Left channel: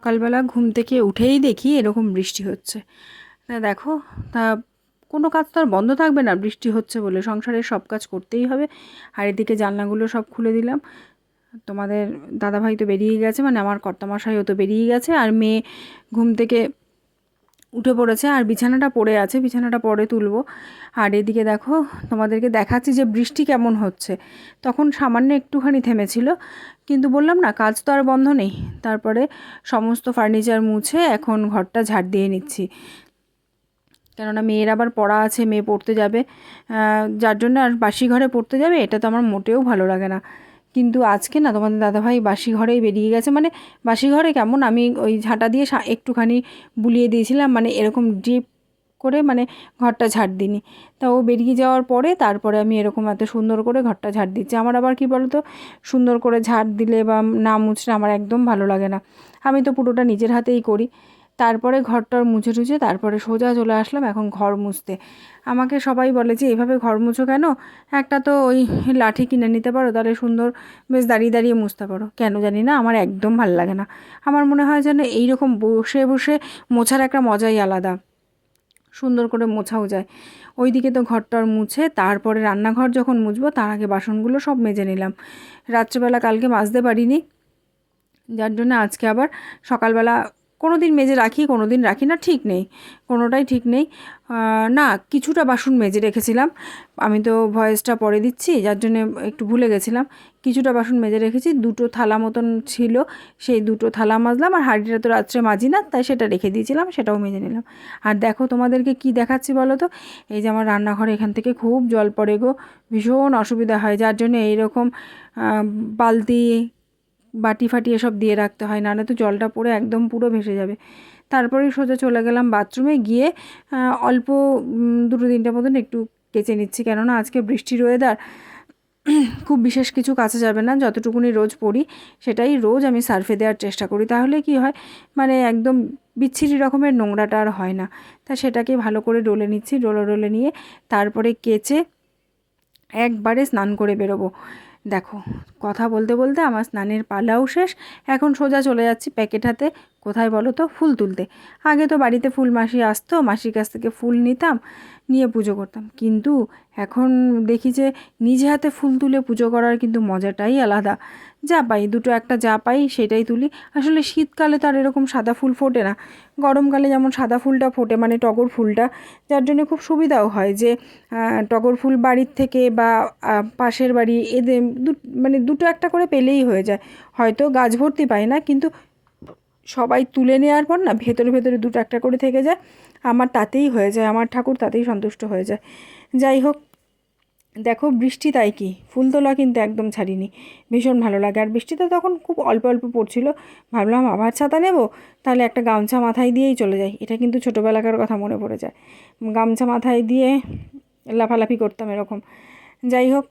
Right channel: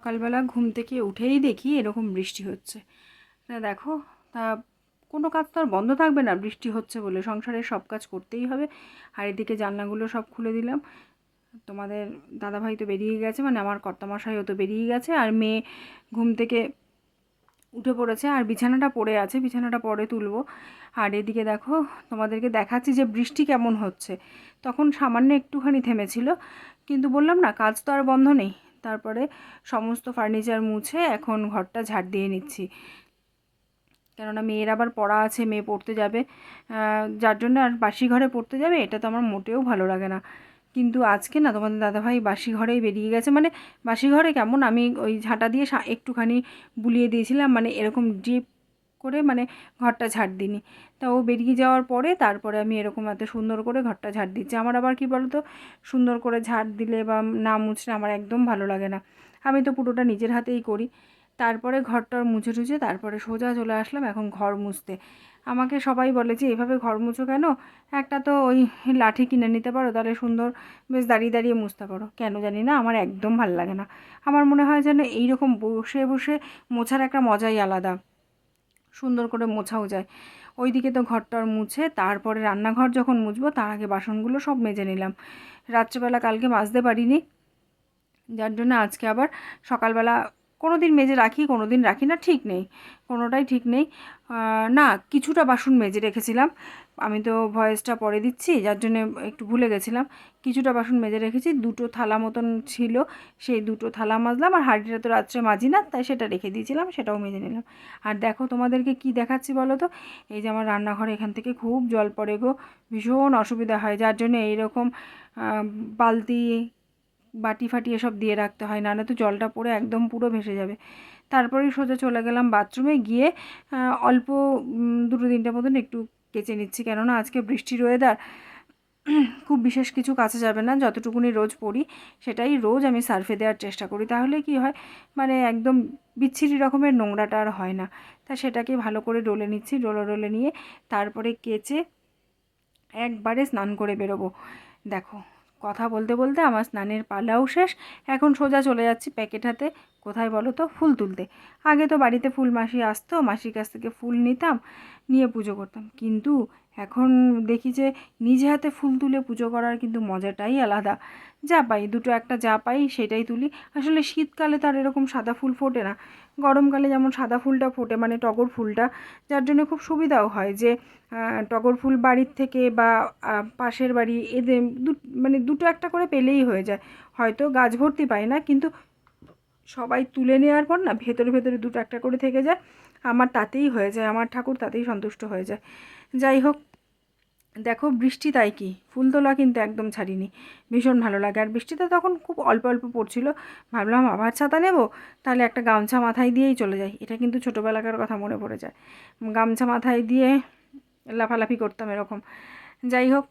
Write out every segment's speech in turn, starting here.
সকালবেলা ঘুম থেকে উঠেই দেখি এরকম বৃষ্টি হচ্ছে। তা দেখো, তা কোনো কাজ তো আর বন্ধ থাকবে না বৃষ্টি হচ্ছে বলে, সংসারের সব কাজ করতেই হবে। আর এদিকে জানলাগুলো সব খুলে দিলাম। তোমাদের দাদাভাই তো বেরিয়ে গেছে, মানে আমার কর্তামশাইও তো বেরিয়ে গেছে, আর মেয়ে ঘুম থেকে উঠে পড়েছে আর বিছানাটা পড়ে আছে, বিছানাটা পরে তুলবো। আর এদিকে দেখো, তোমাদেরকে দেখাচ্ছি যে বৃষ্টি কেমন হচ্ছে। তখন সামান্য একটুখানি থেমেছিল, কিন্তু বললাম না কাজ তো আর বন্ধ নেই। তারপরে সমস্ত ফার্নিচার মুছে এখন ঘরটা ঝাড় দিয়ে নিচ্ছি, কেননা মেয়ের আবার পড়া আছে, মেয়ে পড়তে যাবে, যার জন্য আর বাসি ঘরে পড়তে যাবে এটা তো আমার মোটেও ভালো লাগে না। কিন্তু আজকে না তোমাদের দাদাভাই বাসি ঘরেই বেরিয়ে গেছে, মানে বাসি ঘরে কেমন, আমি ওই ঝাঁটা দিয়ে একটুখানি বুলিয়ে দিয়েছিলাম, মানে এরকম ডিপ করে, মানে ঘরটা ঝাড় দিইনি। তা ও বেরিয়ে যাওয়ার পরে তারপরে আমি এরকম এত সুন্দর করে ঘরটা ঝাড় দিচ্ছি। আমার আবার কি বলো তো, সুন্দর করে ঝাড় দিলে বা না মুছলে আমার একদম ভালো লাগে না। আমি তো পুরোটা নিজের হাতেই করি। তারপরে ঘরটার মুছে টুছে তারপরে সোজা চলে আসলাম এখন ঘর মুছতে। আমাকে সবাই বলে যে এভাবে ঘর মুছো কেন, একটা তো ওই লাঠি কিনে নিতে পারো, তাহলে সুন্দর বেশ দাঁড়িয়ে দাঁড়িয়ে মুছতে পারো। কেন জানি না আমার একদম ভালো লাগে না। আমার মনে হয় যেন এইরকম বসে বসে মোছার একটা মজাই আলাদা, সুন্দর করে মোছাও যায়। ওইদিকে তো ঘরটার মুছে তারপরে রান্নাঘর যখন মুছবো তার আগে বাসনগুলো সব মেজে নিলাম। রাত্রেবেলা কালকে মাজতে পারিনি, যার জন্য আজকে আবার সকালবেলা কোনো দিন মেজে রাখি, কোনো দিন রাখি না, ঠিক নেই, কোনোটাই ঠিক নেই। না, কিছুটা বাসন মেজে রেখেছিলাম, আমি তো ভয়েসটা পরে দিচ্ছি যার জন্য একটু ভুলে গেছিলাম। কিছুটা বাসন মেজে রেখেছি, দুটো থালা মতন ছিল, সেই দুটো থালা মাজলাম। আর হাঁড়িটা তো রাত্রে মাজি না, তাই সেটা রেখে দিয়েছিলাম, সেটাও মেজে নিলাম। আর দেখো তোমাদেরকে কি দেখাচ্ছি বলো তো, এই যে আমার রান্নাঘরে এখান থেকে খুব জল পড়ে গো, ভীষণ অসুবিধা হয়, যার জন্য এইরকম বালতি বাটি ফাটি এসব দিয়ে রাখতে হয়, নাহলে তো জলটা পড়ে একদম পুরো ভেসে যাবে। তারপরেই সোজা চলে গেলাম বাথরুমে, গিয়ে অল্প দুটো তিনটে মতন একটু কেচে নিচ্ছি, কেননা আজকে বৃষ্টির ওয়েদার, খুব বিশেষ কিছু কাচা যাবে না। যতটুকুনি রোজ পড়ি সেটাই রোজ আমি সার্ফে দেওয়ার চেষ্টা করি, তাহলে কি হয়, মানে একদম বিচ্ছিরি রকমের নোংরাটা আর হয় না। তা সেটাকে ভালো করে ডলে নিচ্ছি, ডলে নিয়ে তারপরে কেচে একবারে স্নান করে বেরোবো। দেখো, কথা বলতে বলতে আমার স্নানের পালাও শেষ। এখন সোজা চলে যাচ্ছি প্যাকেট হাতে, কোথায় বলো তো, ফুল তুলতে। আগে তো বাড়িতে ফুল মাসি আসতো, মাসির কাছ থেকে ফুল নিতাম, নিয়ে পুজো করতাম। কিন্তু এখন দেখি যে নিজে হাতে ফুল তুলে পুজো করার কিন্তু মজাটাই আলাদা। যা পাই দুটো একটা যা পাই সেটাই তুলি। আসলে শীতকালে তো আর এরকম সাদা ফুল ফোটে না, গরমকালে যেমন সাদা ফুলটা ফোটে, মানে টগর ফুলটা, যার জন্য খুব সুবিধাও হয় যে টগর ফুল বাড়ির থেকে বা পাশের বাড়ি এদের মানে দুটো একটা করে পেলেই হয়ে যায়। হয়তো গাছ ভর্তি পাই না, কিন্তু সবাই তুলে নেওয়ার পর না ভেতরে ভেতরে দুটো একটা করে থেকে যায়, আমার তাতেই হয়ে যায়, আমার ঠাকুর তাতেই সন্তুষ্ট হয়ে যায়। যাই হোক, দেখো বৃষ্টি তাই কি, ফুল তোলা কিন্তু একদম ছাড়িনি, ভীষণ ভালো লাগে। আর বৃষ্টিটা তখন খুব অল্প অল্প পড়ছিল, ভাবলাম আবার ছাতা নেব, তাহলে একটা গামছা মাথায় দিয়েই চলে যাই। এটা কিন্তু ছোটোবেলাকার কথা মনে পড়ে যায়, গামছা মাথায় দিয়ে লাফালাফি করতাম এরকম। যাই হোক,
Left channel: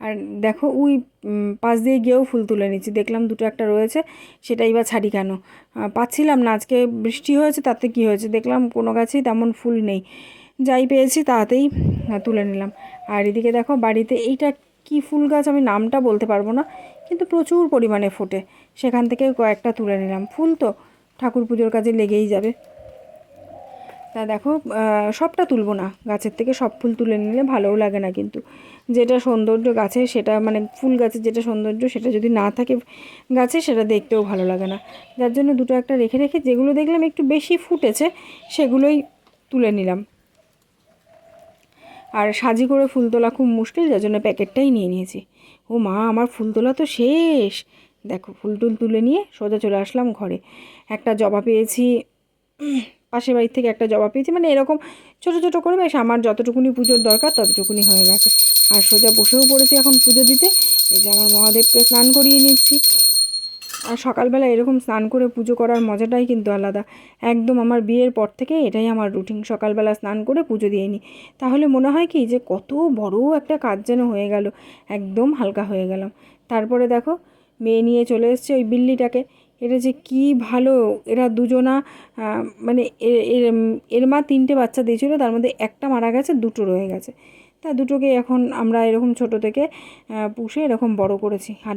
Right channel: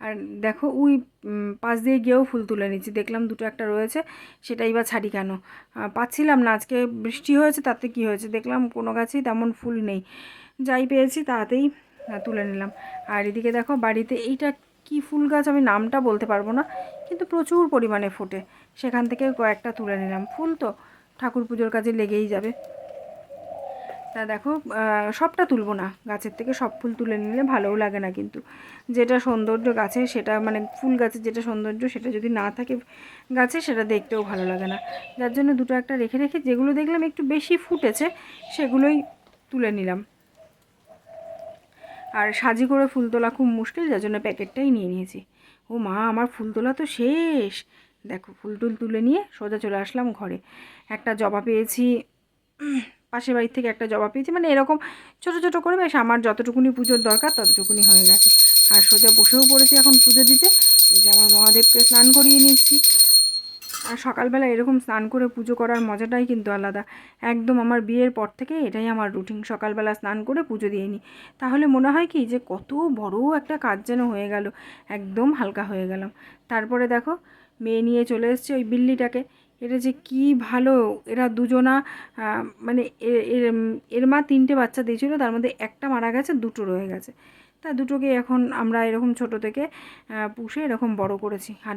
আর দেখো ওই পাশ দিয়ে গিয়েও ফুল তুলে নিচ্ছি, দেখলাম দুটো একটা রয়েছে, সেটাই বা ছাড়ি কেন, পাচ্ছিলাম না। আজকে বৃষ্টি হয়েছে তাতে কি হয়েছে, দেখলাম কোনো গাছেই তেমন ফুল নেই, যাই পেয়েছি তাতেই তুলে নিলাম। আর এদিকে দেখো বাড়িতে এইটা কি ফুল গাছ আমি নামটা বলতে পারবো না, কিন্তু প্রচুর পরিমাণে ফোটে, সেখান থেকে কয়েকটা তুলে নিলাম। ফুল তো ঠাকুর পুজোর কাজে লেগেই যাবে। তা দেখো, সবটা তুলবো না, গাছের থেকে সব ফুল তুলে নিলে ভালোও লাগে না, কিন্তু যেটা সৌন্দর্য গাছের, সেটা মানে ফুল গাছের যেটা সৌন্দর্য সেটা যদি না থাকে গাছে, সেটা দেখতেও ভালো লাগে না। যার জন্য দুটো একটা রেখে রেখে যেগুলো দেখলাম একটু বেশি ফুটেছে সেগুলোই তুলে নিলাম। আর সাজি করে ফুল তোলা খুব মুশকিল, যার জন্য প্যাকেটটাই নিয়ে নিয়েছি। ও মা, আমার ফুল তোলা তো শেষ। দেখো ফুল টুল তুলে নিয়ে সোজা চলে আসলাম ঘরে। একটা জবা পেয়েছি, পাশের বাড়ির থেকে একটা জবা পেয়েছি, মানে এরকম ছোটো ছোটো করে, বেশ আমার যতটুকুনি পুজোর দরকার ততটুকুনি হয়ে গেছে। আর সোজা বসেও পড়েছি এখন পুজো দিতে। এই যে আমার মহাদেবকে স্নান করিয়ে নিচ্ছি। আর সকালবেলা এরকম স্নান করে পুজো করার মজাটাই কিন্তু আলাদা। একদম আমার বিয়ের পর থেকে এটাই আমার রুটিন, সকালবেলা স্নান করে পুজো দিয়ে নিই। তাহলে মনে হয় কি যে কত বড় একটা কাজ যেন হয়ে গেল, একদম হালকা হয়ে গেলাম। তারপরে দেখো, মেয়ে নিয়ে চলে এসছে ওই বিল্লিটাকে। এটা যে কি ভালো, এরা দুজনা মানে এর মা তিনটে বাচ্চা দিয়েছিল, তার মধ্যে একটা মারা গেছে, দুটো রয়ে গেছে। তা দুটোকে এখন আমরা এরকম ছোট থেকে পুষে এরকম বড় করেছি। আর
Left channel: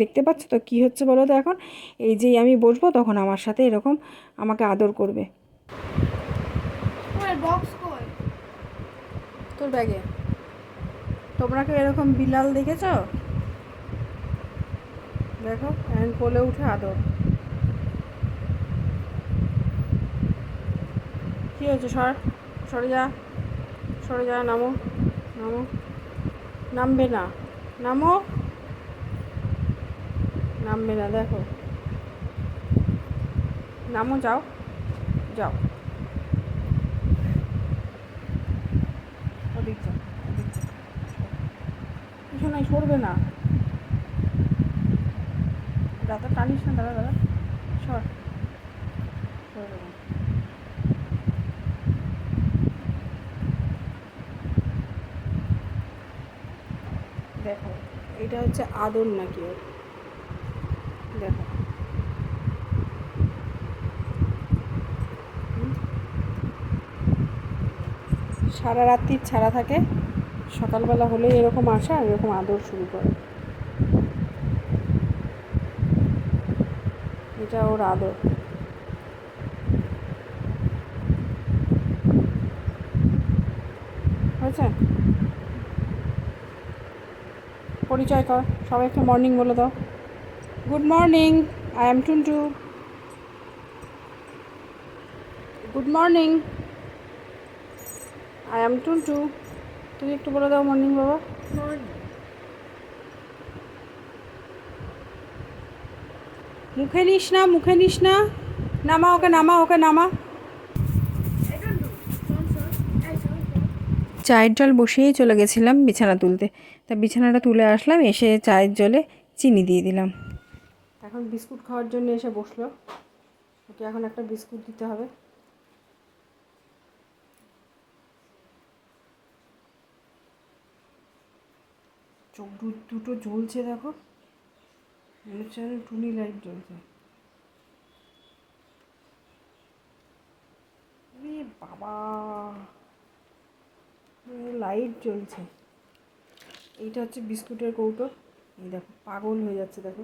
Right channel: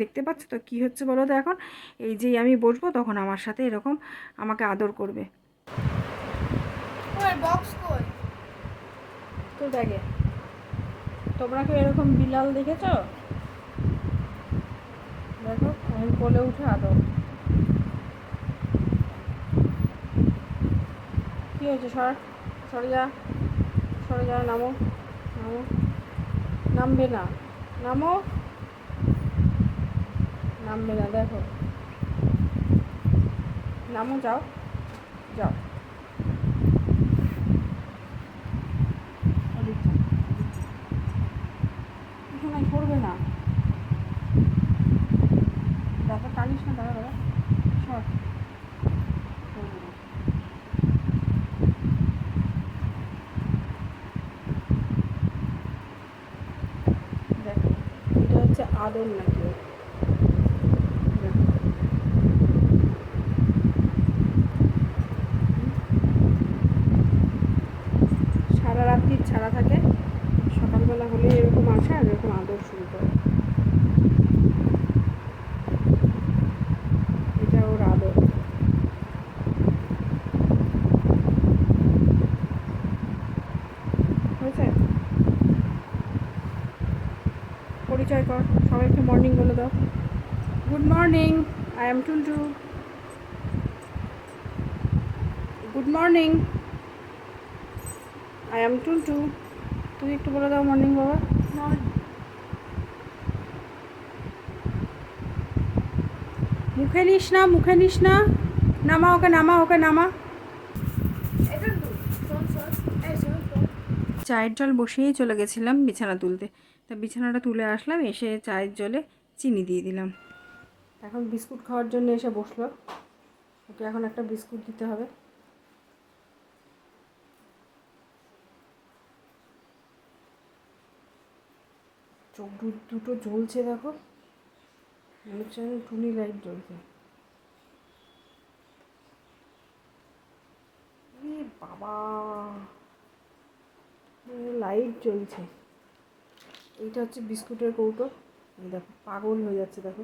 দেখতে পাচ্ছ তো কী হচ্ছে বলো তো, এখন এই যেই আমি বসবো তখন আমার সাথে এরকম আমাকে আদর করবে। তোর ব্যাগে তোমরা কি এরকম বিড়াল দেখেছো? দেখো এখন কোলে উঠে আদর। কী হয়েছে? সরে যা, সরে যা, নামো, নামো, নামবে না, নামো, নামবে না, দেখো, নামো, যাও, যাও, কিছু নাই, সরবে না, দাদা টানিস না, দাদা দাদা, সর, সরবে না। দেখো এটা হচ্ছে আদর নাকি ওর, দেখো সারা রাত্রি ছাড়া থাকে, সকালবেলা হলে এরকম আসে আর এরকম আদর শুরু করে। এটা ওর আদর। হয়েছে? পরিচয় কর, সবাইকে মর্নিং বলে দাও। Good morning, I am Tuntu. Good morning, I am Tuntu. তুমি একটু বলে দাও মর্নিং বাবা। মুখে নিস না, মুখে নিস না, নামা ওকে, নামা ওকে, নামা। চায়ের জল বসিয়েই চলে গেছিলাম বিছানা তুলতে, তা বিছানাটা তুলে আসলাম, এসে চায়ের জলে চিনি দিয়ে দিলাম। এখন বিস্কুট খাওয়ার জন্য এসে বসলো, ওকে এখন একটা বিস্কুট দিতে হবে। চোখ দুটো জ্বলছে, দেখো মনে হচ্ছে টুনি লাইট জ্বলছে। বাবা, লাইট জ্বলছে। এইটা হচ্ছে বিস্কুটের কৌটো, দেখো পাগল হয়ে যাচ্ছে, দেখো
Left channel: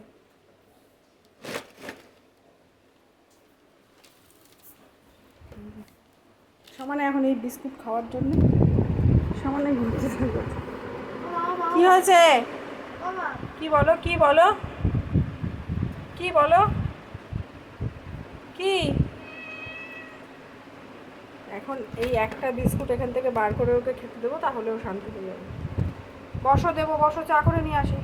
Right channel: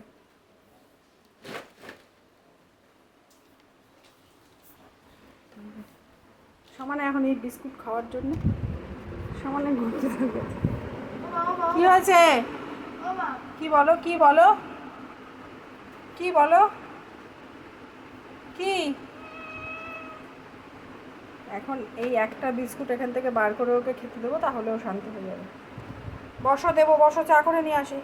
সমানে এখন এই বিস্কুট খাওয়ার জন্য সমানে ঘুরতে থাকবে। কি হয়েছে? কি বলো, কি বলো, কি বলো, কি? এখন এই একটা বিস্কুট এখান থেকে বার করে ওকে খেতে দেবো, তাহলেও শান্তি হয়ে যাবে। বসো, দেবো, বসো, চা করে নিয়ে আসি।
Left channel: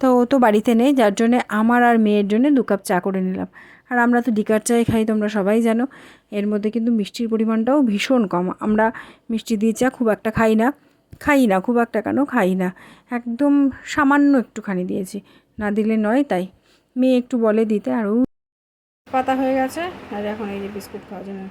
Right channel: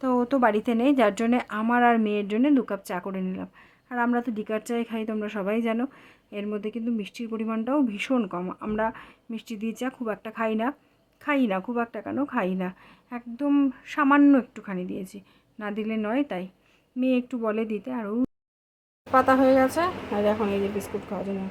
তো ও তো বাড়িতে নেই, যার জন্যে আমার আর মেয়ের জন্য 2 কাপ চা করে নিলাম। আর আমরা তো ডিকার চাই খাই, তোমরা সবাই জানো। এর মধ্যে কিন্তু মিষ্টির পরিমাণটাও ভীষণ কম। আমরা মিষ্টি দিয়ে চা খুব একটা খাই না, খুব একটা কেন খাই না, একদম সামান্য একটুখানি দিয়েছি, না দিলে নয়। তাই মেয়ে একটু বলে দিতে, আর ও পাতা হয়ে গেছে। আর এখন এই যে বিস্কুট খাওয়ার জন্য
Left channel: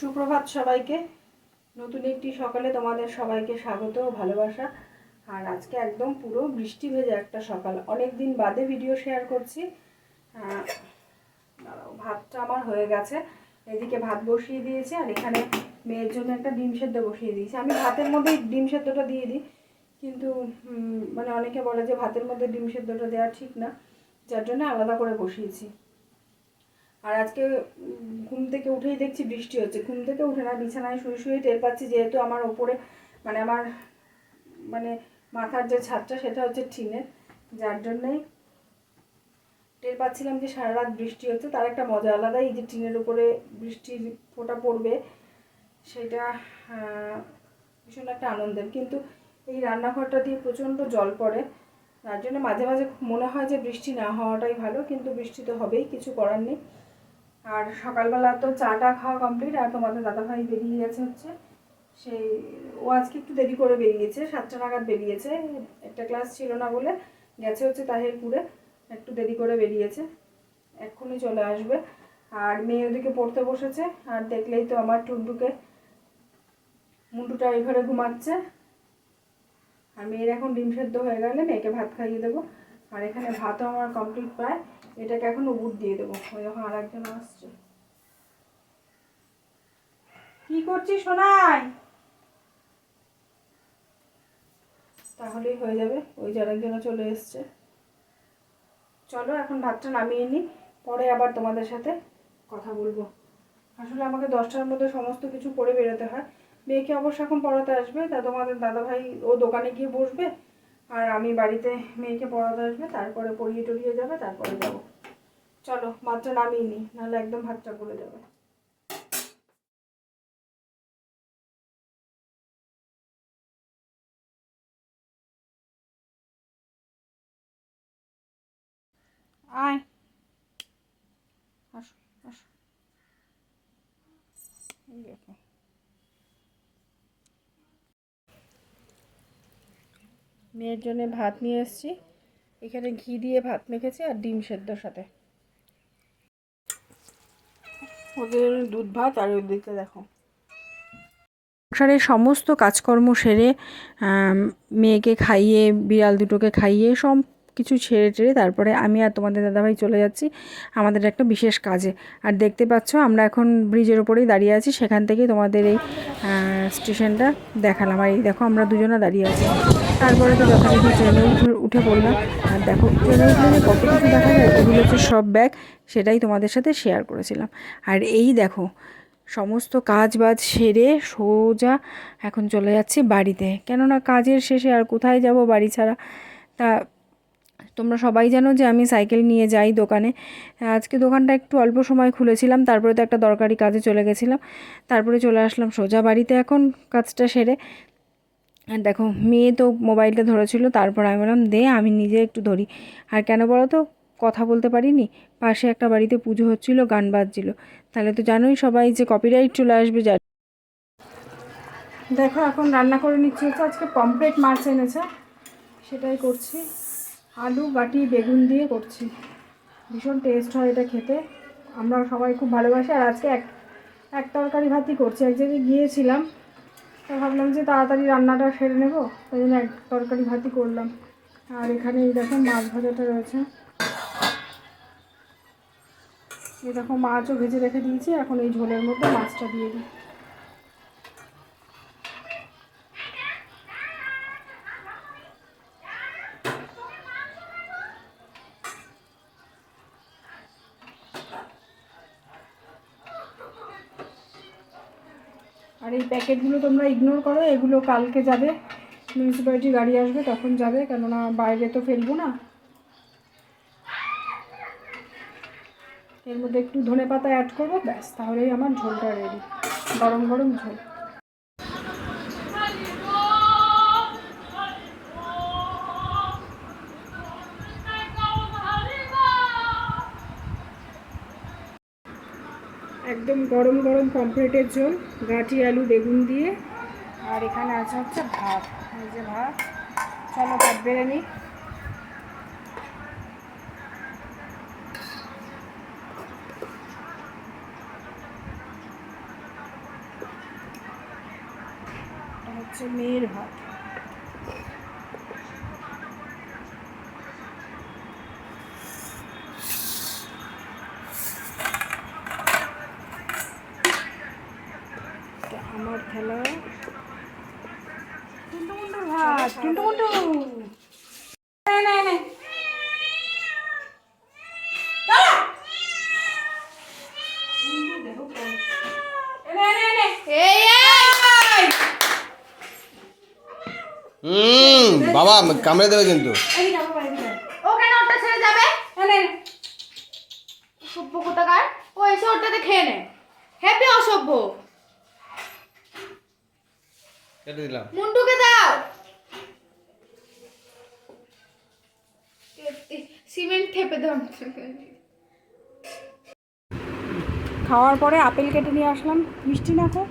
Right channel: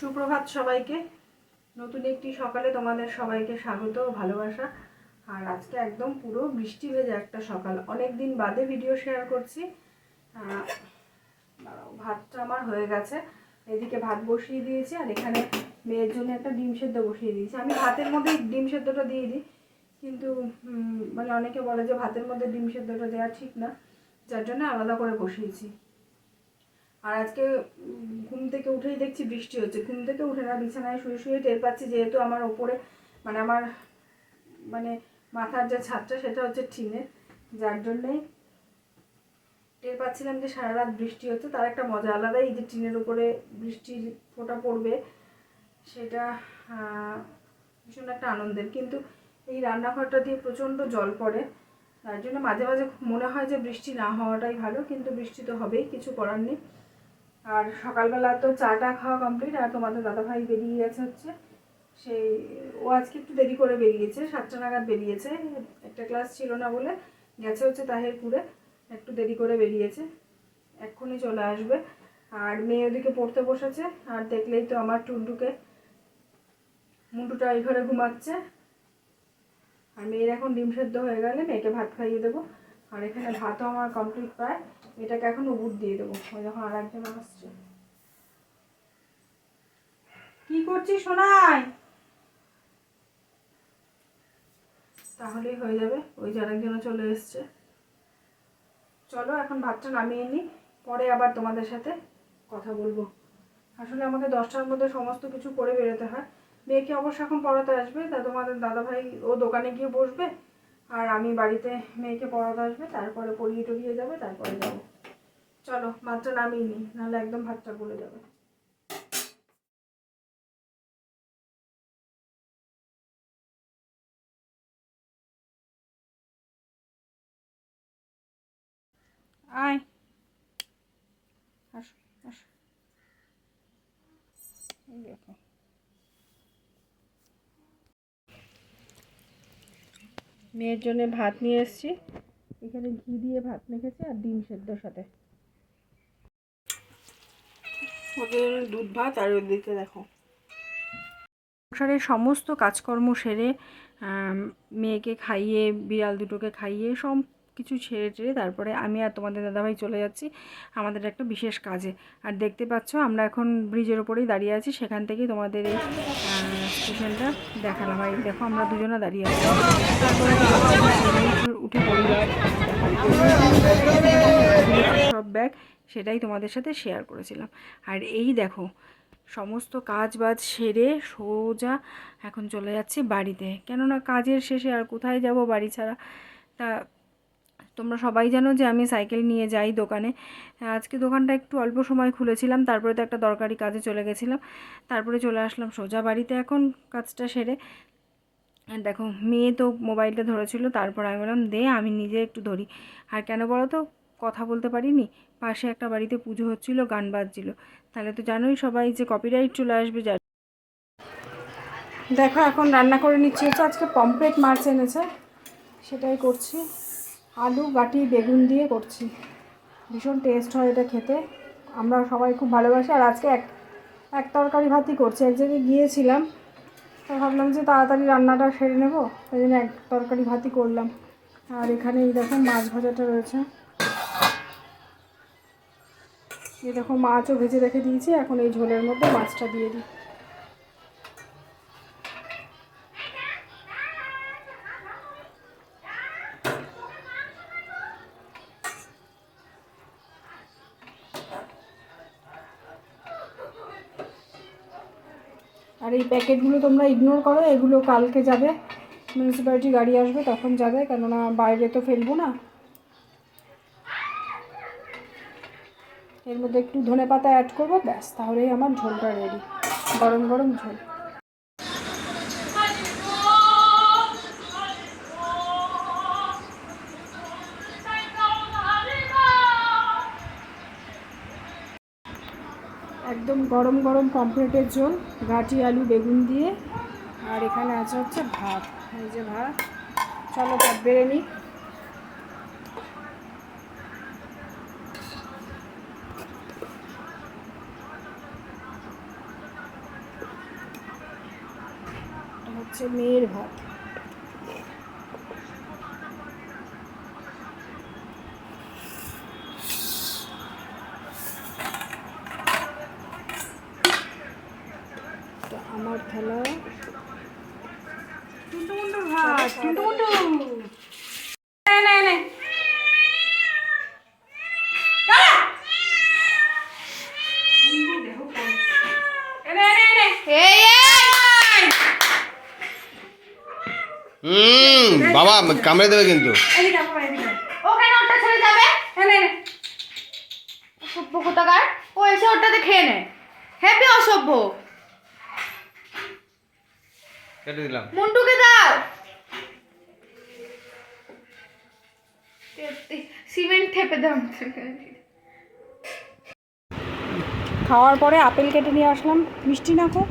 সুপ্রভাত সবাইকে, নতুন একটি সকালে তোমাদের সবাইকে স্বাগত ও ভালোবাসা। আর আজকে একদম পুরো বৃষ্টি ভেজা একটা সকাল, অনেক দিন বাদে ভিডিও শেয়ার করছি। দাঁড়াও, ভাতটা আমার হয়ে গেছে, এদিকে ভাত বসিয়ে দিয়েছি, আর এখানে মেয়ের জন্য একটা ডিম সেদ্ধ বসিয়ে দিয়েছি। আমি ভাতের মধ্যে ডিম সেদ্ধটা দিয়ে দিই, কিন্তু মানে অনেকে বলে যে ভাতের মধ্যে ডিম সেদ্ধটা দেওয়া ঠিক না, যার জন্য আলাদা করে বসিয়েছি। আর আজকে ঘুম থেকে উঠেই দেখছি বৃষ্টি হচ্ছে। ঘুম থেকে উঠে না, বিছানায় শুয়ে শুয়ে টের পাচ্ছি, যেহেতু আমার ওপরে মানে আমার মানে মাথার যে ছাদটা সেটা হচ্ছে টিনের, যার জন্যই টের পাচ্ছিলাম যে সারা রাত বৃষ্টি হচ্ছে। তার একটা মজা আলাদাই, এই যে টিনের উপরে বৃষ্টির ফোঁটা পড়বে, সেটা ভীষণ একটা আনন্দের। কিন্তু এই রান্নাঘরটা দিয়ে প্রচণ্ড জল পড়ে, তার জন্য মাঝে মাঝে মনে হয় যে বৃষ্টি না হওয়াটাই ভালো, কিন্তু বৃষ্টি তো হবেই, কিছু করার নেই। আর সকালবেলা তো চাটা খাওয়া কমপ্লিট। আর তোমাদের দাদাভাই বেরিয়ে গেছে হচ্ছে সেই, ও আজকে একটু দেরি করে বেরিয়েছে, 7টা নাগাদ বেরিয়েছে, একটা ক্লাস ছিল না বলে গেছে হচ্ছে তাহিরপুরে, একটু দেরি করে বেরিয়েছে, এক্ষুনি চলে আসবে। আর মেয়ে ওদিকে পড়তে বসেছে, আর দেখলেই তো আমার টুনটুকে, মুন্টুটা এই ঘরে ঘুমাচ্ছে। আর মেয়ের এখন ডিম সেদ্ধ হয়ে গেলে মেয়েকে ভাত খাইয়ে দেবো। আর এখানে ভাতও আমার কমপ্লিট প্রায়, এটাকে এখন উবুর দিয়ে দেবো। ওই যখন আর একজন আসছে। কি করছিস সোনাই? তাহলেই হয়ে যাবে, ওই যে আরেকজনও চলে এসছে। চলো এখন ভাতটা নামিয়ে নিই, পরে আবার তোমাদের সাথে কথা বলবো। আসলে আমাকে 10টার মধ্যে সমস্ত কিছু করে বেরোতে হয়। মেয়েকে অবশ্য এখন পড়াতে আসবে, তা তোমাদের দাদাভাই ও দোকানে গিয়ে বসবে, আর আমি বাড়িতে মেয়েকে পড়াতে আসবে, তারপরে পড়িয়ে টড়িয়ে যাবে, তারপরে যাবো। চলো ভাতটা নামিয়ে নিই, নাহলে একদম ভাতটা গলে যাবে। আয়, আসো আসো, দেখো মেয়ের জন্য ভাত নিয়ে এসেছি, এখানে ঘি দিয়ে ভাত মেখেছি আর ডিম সেদ্ধর সাথে ওদের দুধ ভাত। আর ওদিকে দেখো সংসারের সমস্ত কাজকর্ম সেরে মেয়েকে খাইয়ে, বিড়াল দুটোকে খাইয়ে সব কিছু ছেড়ে টেড়ে তারপরে আমি আর তোমাদের দাদাভাই চলে যাচ্ছি আমাদের একটা বিশেষ কাজে। আর দেখতে পাচ্ছ আমরা এখন ব্রিজের ওপরেই দাঁড়িয়ে আছি, সেখান থেকেই তোমাদের এই স্টেশনটা দেখালাম। আর এই দেখো আমরা দুজনে দাঁড়িয়ে আছি। তারপরে তো যথারীতি ট্রেনে উঠে পড়লাম। আর দেখো ট্রেনে উঠে কত কিছু দেখা যায়, ওগুলো হচ্ছে সব ব্যাগ, সেটাই তোমাদের সাথে শেয়ার করেছিলাম। আর এই দেখো সমস্ত কাজ বাজ সেরে সোজা এখন চলে যাচ্ছি বাড়িতে, কেননা কাজের শেষে আর কোথায় যাব বাড়ি ছাড়া। তা তোমরা সবাই জানো যে আমি সাইকেল নিয়ে যাই দোকানে। আজকে দোকানটা একটু অল্প সময় খুলেছিলাম, তারপরে তো একটা দরকারি কাজে চলে গেছিলাম, তারপরে চলে আসলাম সোজা বাড়িতে এখন কাজটা সেরে। আর দেখো মেয়ে তো মোবাইলটা ধরেছিল, তারপর আমি বললাম দে আমি নিজে একটু ধরি। আর কেন বলো তো, কথা বলতে পারিনি, পাশে একটা বাড়িতে পুজো হচ্ছিল, গান বাজছিল, তাহলে তো জানোই সবাই যে কপিরাইট চলে আসবে। যার দেখো এখন রান্না করে নিচ্ছি হচ্ছে, আজকে পমফ্রেট মাছ এনেছে, সেটাই করছি, আলু বাটি বেগুন দিয়ে করছি। ভীষণ টেস্ট হয় এটা খেতে, আমরা সবাই খুব ভালোবাসি। আর আজকে এক তরকারি ভাতই করছি, এক জায়গায় গিয়েছিলাম, তো ভাবলাম যে তাড়াতাড়ি রান্নাটা সেরে নেবো, তাই জন্য এক তরকারি ভাতই করলাম। আর এখানে এই দেখো মাছ ভাজাটা রয়েছে, এই দেখো মাছও ভেজে রেখে দিয়েছি, এখন এই ঝোলের মধ্যে মাছটা দিয়ে দিই। আর এই প্যাকেটগুলো তোমরা ইগনোর করো, এগুলো কালকে যাবে, মিউনিসিপ্যালিটি গাড়ি আসবে তখন যাবে, কেননা বাইরে তো ফেলবো না। এর মধ্যে একটু ধনেপাতা অ্যাড করবো, ব্যাস তাহলেই আমার ঝোলটা রেডি, গরম গরম ঝোল। একদম গরম গরম পমফ্রেটের ঝোল, গাঁটি আলু বেগুন দিয়ে। আর এখানে আছে হচ্ছে ভাত, এই যে ভাত। চলো ভাত বেড়ে নিই। হচ্ছে মেয়ের ভাত। তো আমার থালা ভাত নে নে নে বাবা কামড়ে দেবে কিন্তু। ওখানে ওটা ছেড়ে যাবে। অসভ্য কোথাকার, ও এসে ওটাতে খেয়ে নেয়। হ্যাপি অসভ্য। কেটে দিলাম। মুন্টুকে দাও। সিমেন্ট ঠেপে দাও। খাওয়ার পরে আপেল কেটে নিয়ে আসলাম, মিষ্টি না খুব।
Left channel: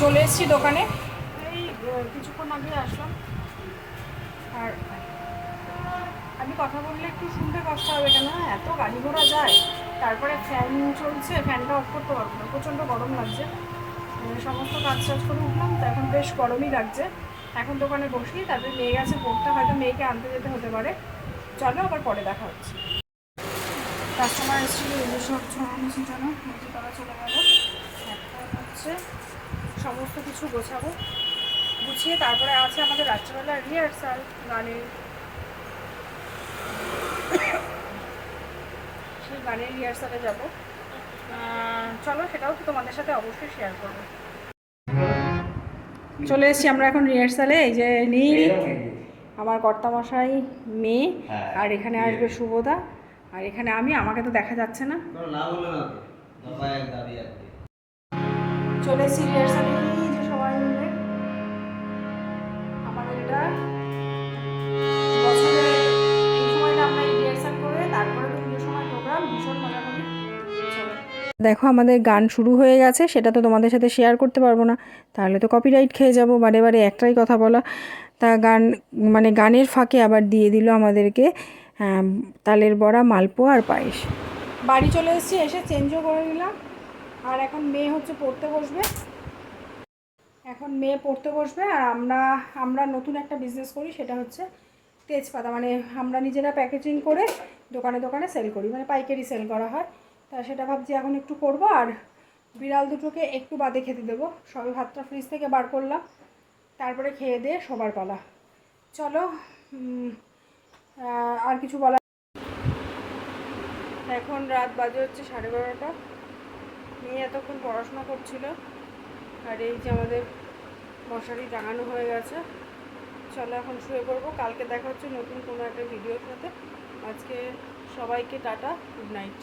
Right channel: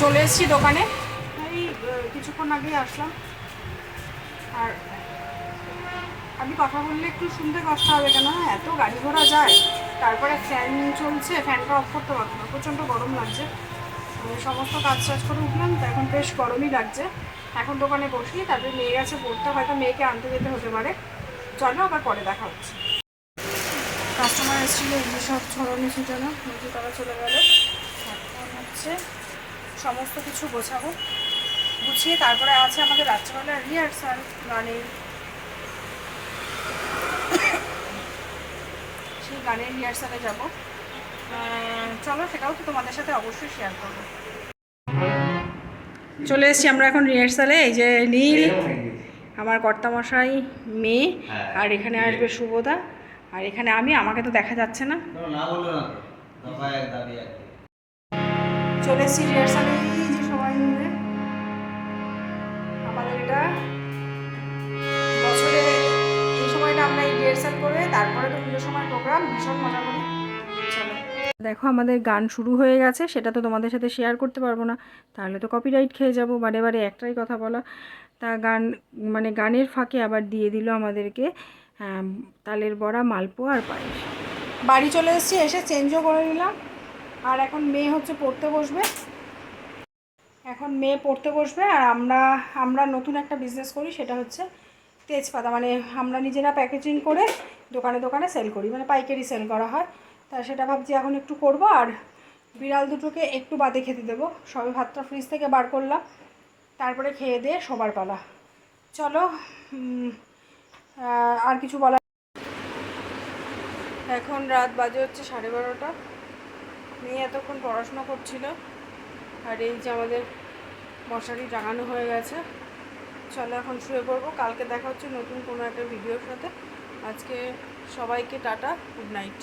চলে এসেছি দোকানে, এই কিছুক্ষণ আগে আসলাম। আর আমি কথা বললে একটু শুনতে কষ্ট হবে, কেন এত গাড়ি ঘোড়া যায়, তারপরে ফ্যান চলছে, ফ্যানটা অফ করতে পারবো না, প্রচণ্ড গরম লাগছে। সমস্ত কাজ টাজ করে উঠলাম তো এখন বেশ গরমই লাগছে। এখন দোকানে বসি, তারপরে মেয়ে গেছে পড়তে, হয়তো মেয়েকে আনতে যেতে হতে পারে। চলো আবার পরে দেখা হচ্ছে। কাস্টমার এসেছিল, এগুলো সব ছড়ানো ছিটানো, কিন্তু তারা চলে গেল। এখন হচ্ছে সমস্ত কিছু গোছাবো, গুছিয়ে তারপরে আছে আমাদের রাত্রেবেলা রিহার্সাল গানের। সেই গানের রিহার্সালে যাব, চলো সেটাও তো তোমাদের সাথে অবশ্যই শেয়ার করবো। চলে এসেছি আমরা এখন রিহার্সালে। এই যে নীল আমার কর্তামশাই, মেয়ে, আর এখানে আসবে শুভদা, আর এখানে আমি, আমাকে তো দেখা যাচ্ছে না। চলে এসেছি রিহার্সালে, এই যে সবাই মিলে। আমাদের এটা বছরে এই সময়টা আমরা এই রিহার্সাল করে তারপরে তো পুজোর সময় প্রোগ্রাম, ভীষণ মজা করি। চলো দেখো আমাদের গান শুরু হয়ে গেছে, সেটা তো তোমাদের সাথে শেয়ার করতে পারবো না, তাহলে তো কপিরাইট খেয়ে যাবো। বারে বারে একটাই কথা বলা, তা গান মানে গানের ফাঁকে আবার দিয়ে দিল আমাদেরকে তালের বড়া, মালপোয়া আর পায়েস। বাড়ি চলে এসেছি, এসে চেঞ্জও করে নিলাম। আর এখন মেয়ে হচ্ছে পড়তে বসবে, এখন মেয়ে পড়তে বসবে। আর আমরা নতুন একটা বিজনেস করি, সেটা হচ্ছে তেজপাতা, মানে আমরা নিজেরা প্যাকেজিং করে দোকানে দোকানে সেল করি, মানে পাইকারি সেল করা হয়। তা সেটা ভাবছি এখন একটু করব। আর বিড়াল দুটোকে একটু বাদে খেতে দেবো, সবে ভাতটা ফ্রিজ থেকে বার করলাম, তারপরে খেয়ে দিয়ে শোবার পালা। চলো আর কিছু বলার। এখন রাত বাজে হচ্ছে 12:30। মেয়ে এতক্ষণ পড়াশোনা করছিল, আর এই যে আমাদের মশারি টাঙানো হয়ে গেছে। চলো এখন শুয়ে পড়বো, কালকে দেখা হচ্ছে নতুন কোনো একটা ভিডিওর সাথে। আজকে সবাইকে টাটা, গুড নাইট।